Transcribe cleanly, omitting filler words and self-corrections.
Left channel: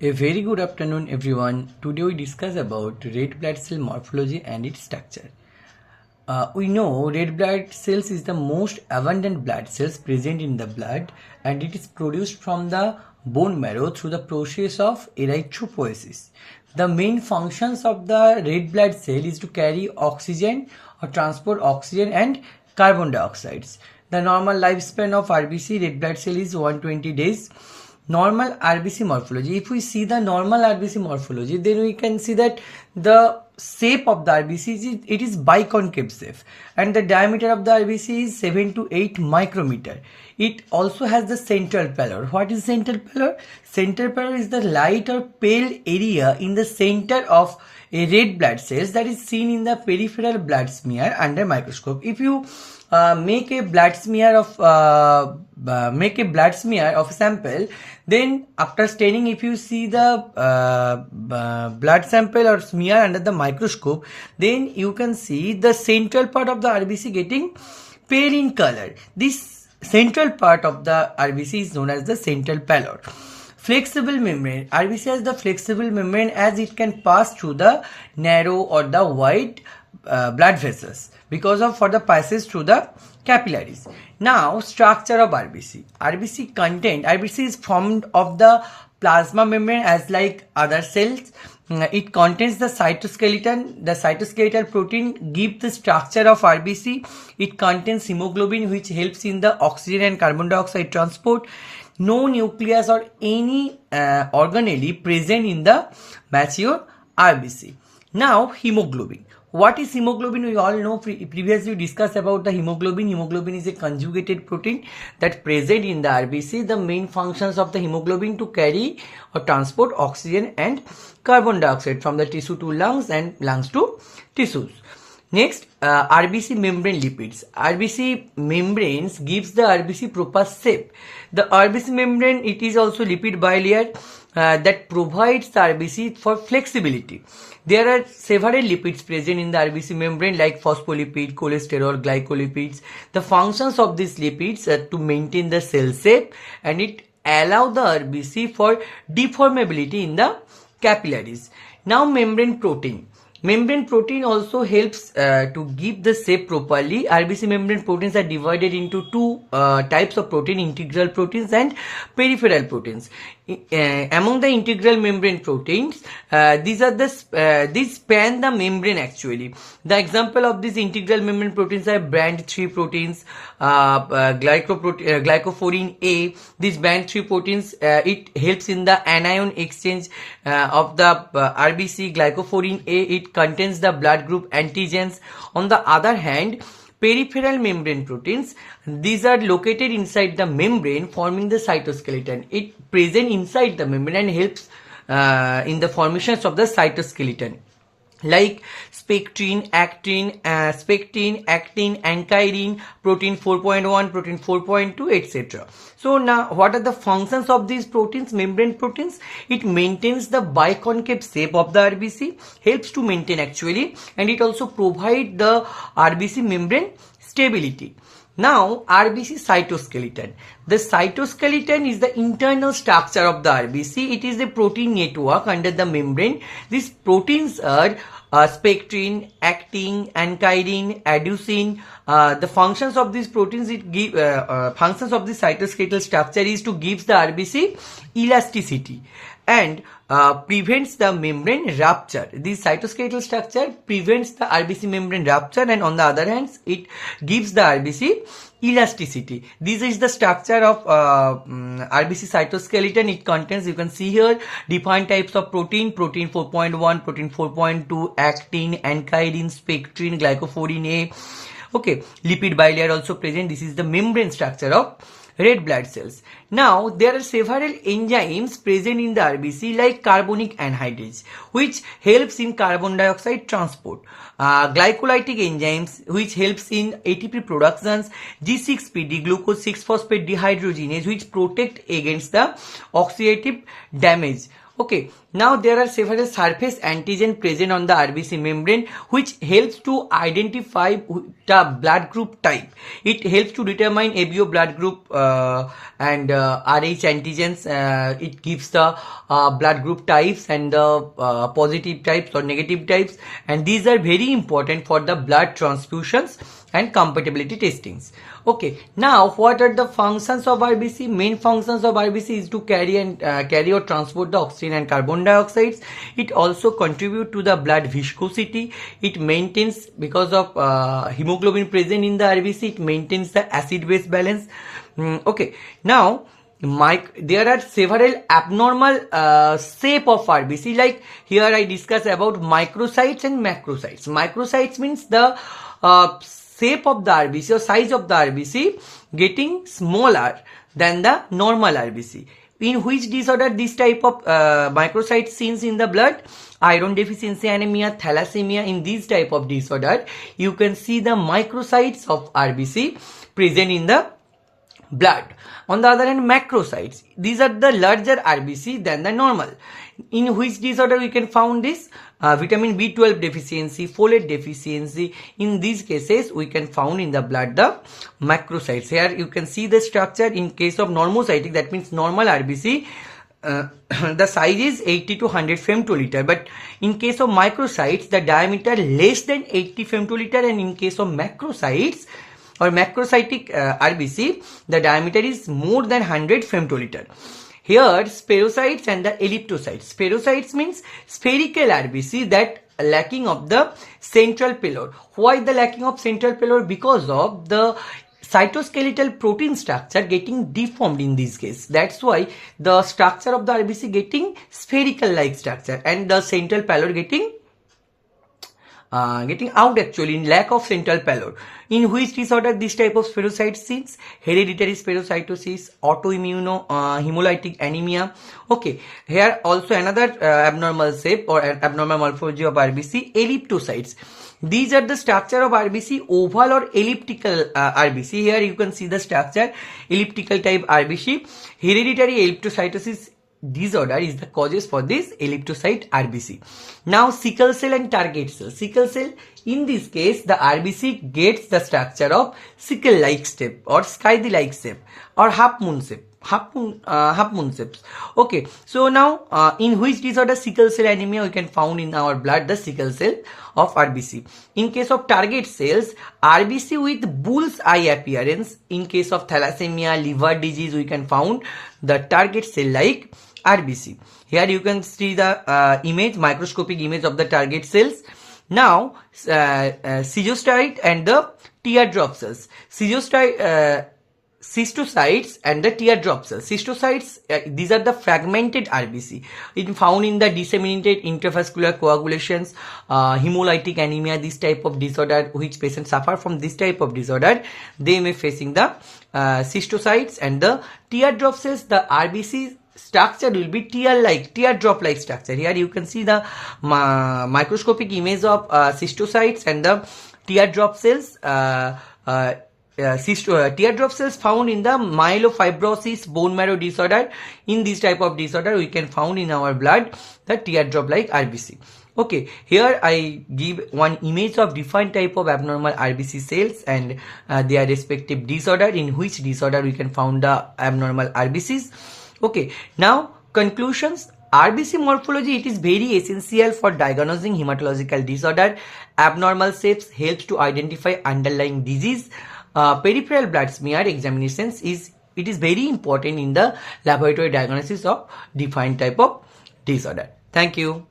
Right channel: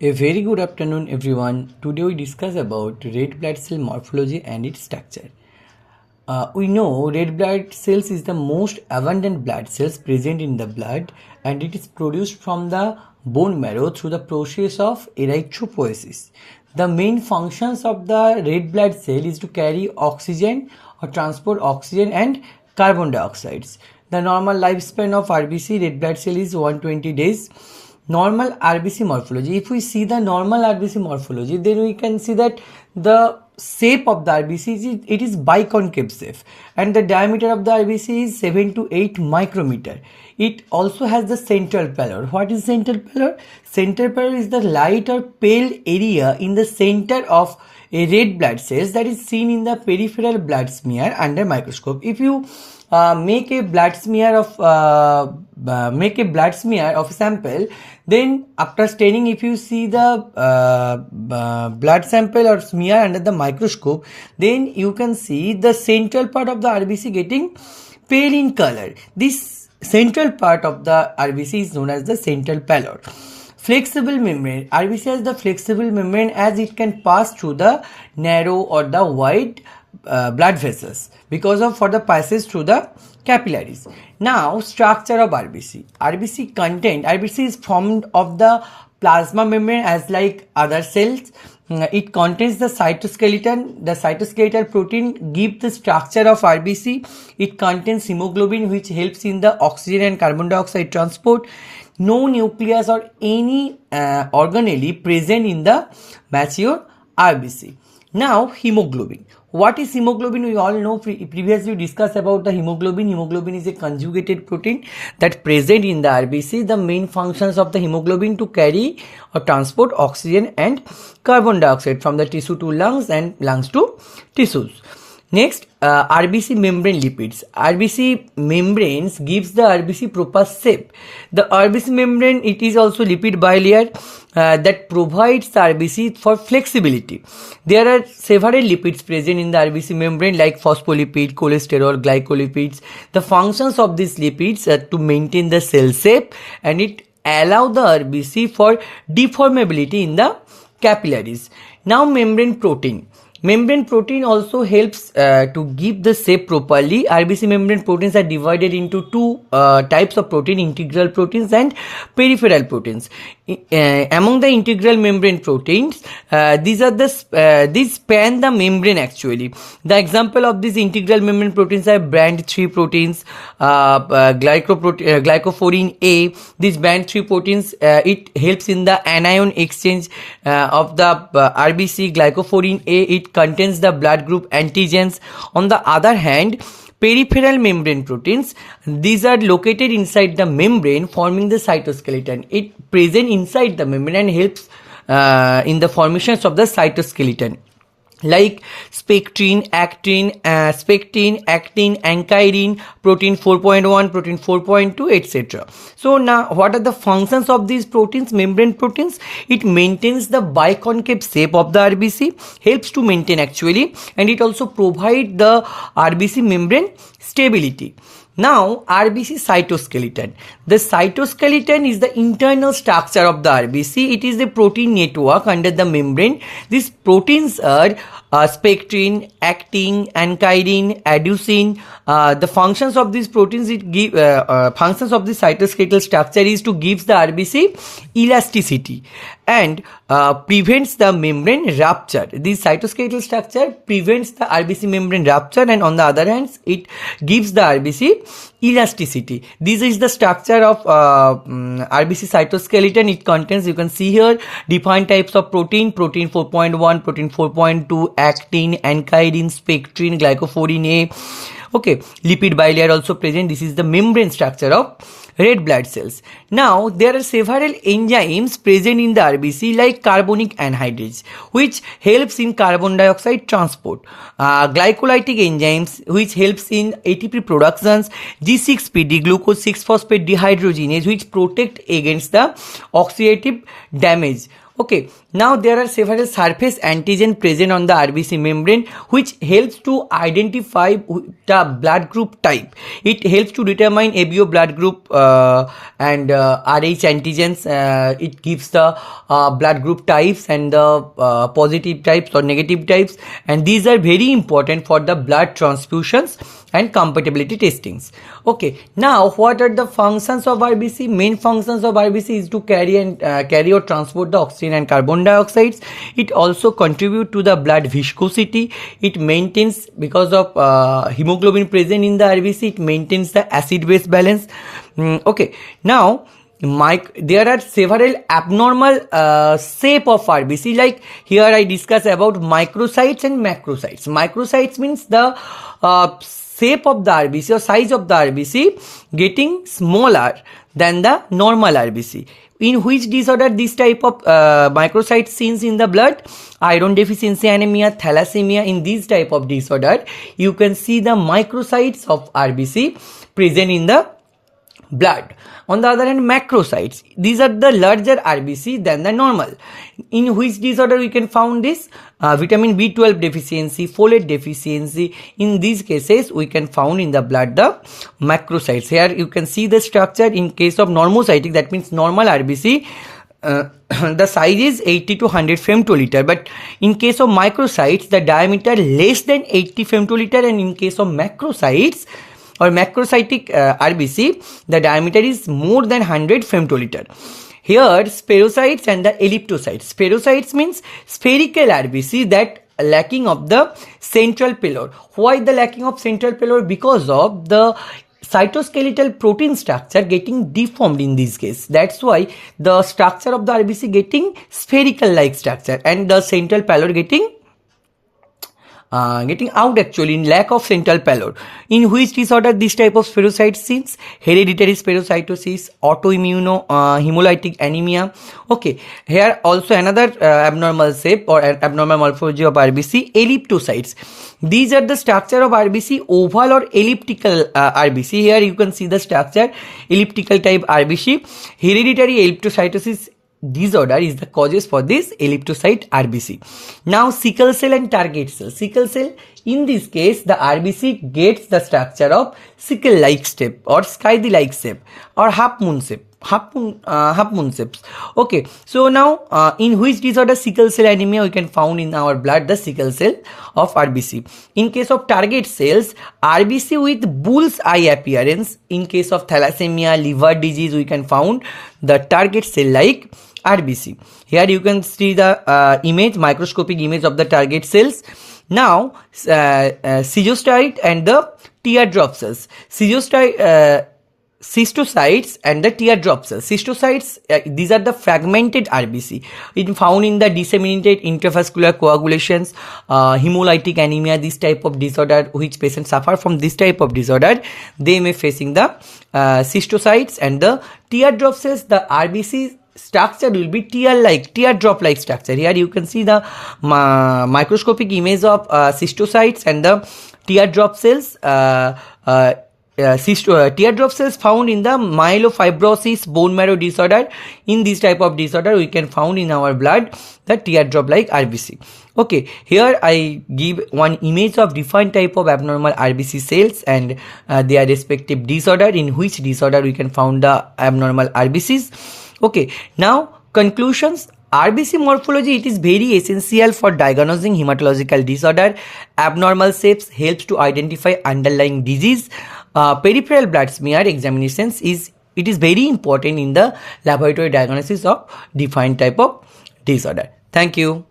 A very good afternoon everyone. Today we discuss about red blood cell morphology and its structure. We know red blood cells is the most abundant blood cells present in the blood, and it is produced from the bone marrow through the process of erythropoiesis. The main functions of the red blood cell is to carry oxygen or transport oxygen and carbon dioxides. The normal lifespan of RBC red blood cell is 120 days. Normal RBC morphology. If we see the normal RBC morphology, then we can see that the shape of the RBC is biconcave shape, and the diameter of the RBC is 7 to 8 micrometer. It also has the central pallor. What is central pallor? Central pallor is the light or pale area in the center of a red blood cells that is seen in the peripheral blood smear under microscope. If you make a blood smear of a sample, then after staining, if you see the blood sample or smear under the microscope, then you can see the central part of the RBC getting pale in color. This central part of the RBC is known as the central pallor. Flexible membrane. RBC has the flexible membrane as it can pass through the narrow or the wide blood vessels for the passage through the capillaries. Now, structure of RBC. RBC is formed of the plasma membrane as like other cells. It contains the cytoskeleton. The cytoskeletal protein gives the structure of RBC. It contains hemoglobin, which helps in the oxygen and carbon dioxide transport. No nucleus or any organelle present in the mature RBC. Now, hemoglobin. What is hemoglobin? We all know, previously we discussed about the hemoglobin. Hemoglobin is a conjugated protein that present in the RBC. The main functions of the hemoglobin to carry or transport oxygen and carbon dioxide from the tissue to lungs and lungs to tissues. Next, RBC membrane lipids. RBC membranes gives the RBC proper shape. The RBC membrane, it is also lipid bilayer that provides the RBC for flexibility. There are several lipids present in the RBC membrane like phospholipid, cholesterol, glycolipids. The functions of these lipids are to maintain the cell shape, and it allow the RBC for deformability in the capillaries. Now, membrane protein. Membrane protein also helps to give the shape properly. RBC membrane proteins are divided into two types of protein: integral proteins and peripheral proteins. Among the integral membrane proteins, these span the membrane actually. The example of these integral membrane proteins are band 3 proteins, glycophorin A. These band 3 proteins, it helps in the anion exchange of the RBC. Glycophorin A, it contains the blood group antigens. On the other hand, peripheral membrane proteins, these are located inside the membrane forming the cytoskeleton. It present inside the membrane and helps in the formations of the cytoskeleton, like spectrin, actin, ankyrin, protein 4.1, protein 4.2, etc. So now, what are the functions of these proteins, membrane proteins? It maintains the biconcave shape of the RBC, helps to maintain actually, and it also provides the RBC membrane stability. Now, RBC cytoskeleton. The cytoskeleton is the internal structure of the RBC. It is a protein network under the membrane. These proteins are spectrin, actin, ankyrin, adenosine. The functions of these proteins, functions of the cytoskeletal structure is to give the RBC elasticity and prevents the membrane rupture. This cytoskeletal structure prevents the RBC membrane rupture, and on the other hand, it gives the RBC elasticity. This is the structure of RBC cytoskeleton. It contains, you can see here, defined types of protein: protein 4.1, protein 4.2, actin, ankyrin, spectrin, glycophorin A. Okay, lipid bilayer also present. This is the membrane structure of red blood cells. Now, there are several enzymes present in the RBC like carbonic anhydrase, which helps in carbon dioxide transport. Glycolytic enzymes, which helps in ATP productions. G6PD, glucose 6-phosphate dehydrogenase, which protect against the oxidative damage. Okay, now there are several surface antigen present on the RBC membrane which helps to identify the blood group type. It helps to determine ABO blood group and RH antigens. It gives the blood group types and the positive types or negative types, and these are very important for the blood transfusions and compatibility testings. Okay, now what are the functions of RBC? Main functions of RBC is to carry or transport the oxygen and carbon dioxides. It also contribute to the blood viscosity. It maintains, because of hemoglobin present in the RBC, it maintains the acid-base balance. Okay, now there are several abnormal shape of RBC. Like here I discuss about microcytes and macrocytes. Microcytes means the shape of the RBC or size of the RBC getting smaller than the normal RBC. In which disorder this type of microcytes seen in the blood? Iron deficiency anemia, thalassemia. In this type of disorder, you can see the microcytes of RBC present in the blood. On the other hand, macrocytes, these are the larger RBC than the normal. In which disorder we can found this? Vitamin B12 deficiency, folate deficiency. In these cases, we can found in the blood the macrocytes. Here you can see the structure. In case of normocytic, that means normal RBC, the size is 80 to 100 femtoliter, but in case of microcytes, the diameter less than 80 femtoliter, and in case of macrocytes or macrocytic RBC, the diameter is more than 100 femtoliter. Here, spherocytes and the elliptocytes. Spherocytes means spherical RBC that lacking of the central pallor. Why the lacking of central pallor? Because of the cytoskeletal protein structure getting deformed in this case. That's why the structure of the RBC getting spherical like structure and the central pallor getting out actually in lack of central pallor. In which disorder this type of spherocytes seen? Hereditary spherocytosis, autoimmune hemolytic anemia. Okay, here also another abnormal shape or abnormal morphology of RBC, elliptocytes. These are the structure of RBC, oval or elliptical RBC. Here you can see the structure, elliptical type RBC. Hereditary elliptocytosis disorder is the causes for this elliptocyte RBC. Now sickle cell and target cell. Sickle cell, in this case the RBC gets the structure of sickle like shape or scythe like shape or half moon shape. Half moon shapes. Okay, so now in which disorder sickle cell anemia we can found in our blood the sickle cell of RBC. In case of target cells, RBC with bull's eye appearance. In case of thalassemia, liver disease, we can found the target cell like RBC. Here you can see the image, microscopic image of the target cells. Now schistocyte and the teardrop cells. Schistocytes and the teardrop cells. Schistocytes, these are the fragmented RBC. It found in the disseminated intravascular coagulations, hemolytic anemia, this type of disorder, which patients suffer from this type of disorder, they may facing the schistocytes and the teardrop cells. The RBC structure will be teardrop like structure. Here you can see the microscopic image of schistocytes and the teardrop cells. Teardrop cells found in the myelofibrosis bone marrow disorder. In this type of disorder we can found in our blood the teardrop like RBC. Okay, here I give one image of different type of abnormal RBC cells and their respective disorder, in which disorder we can found the abnormal RBCs. Okay, now conclusions. RBC morphology, it is very essential for diagnosing hematological disorder. Abnormal shapes helps to identify underlying disease. Peripheral blood smear examinations is very important in the laboratory diagnosis of defined type of disorder. Thank you.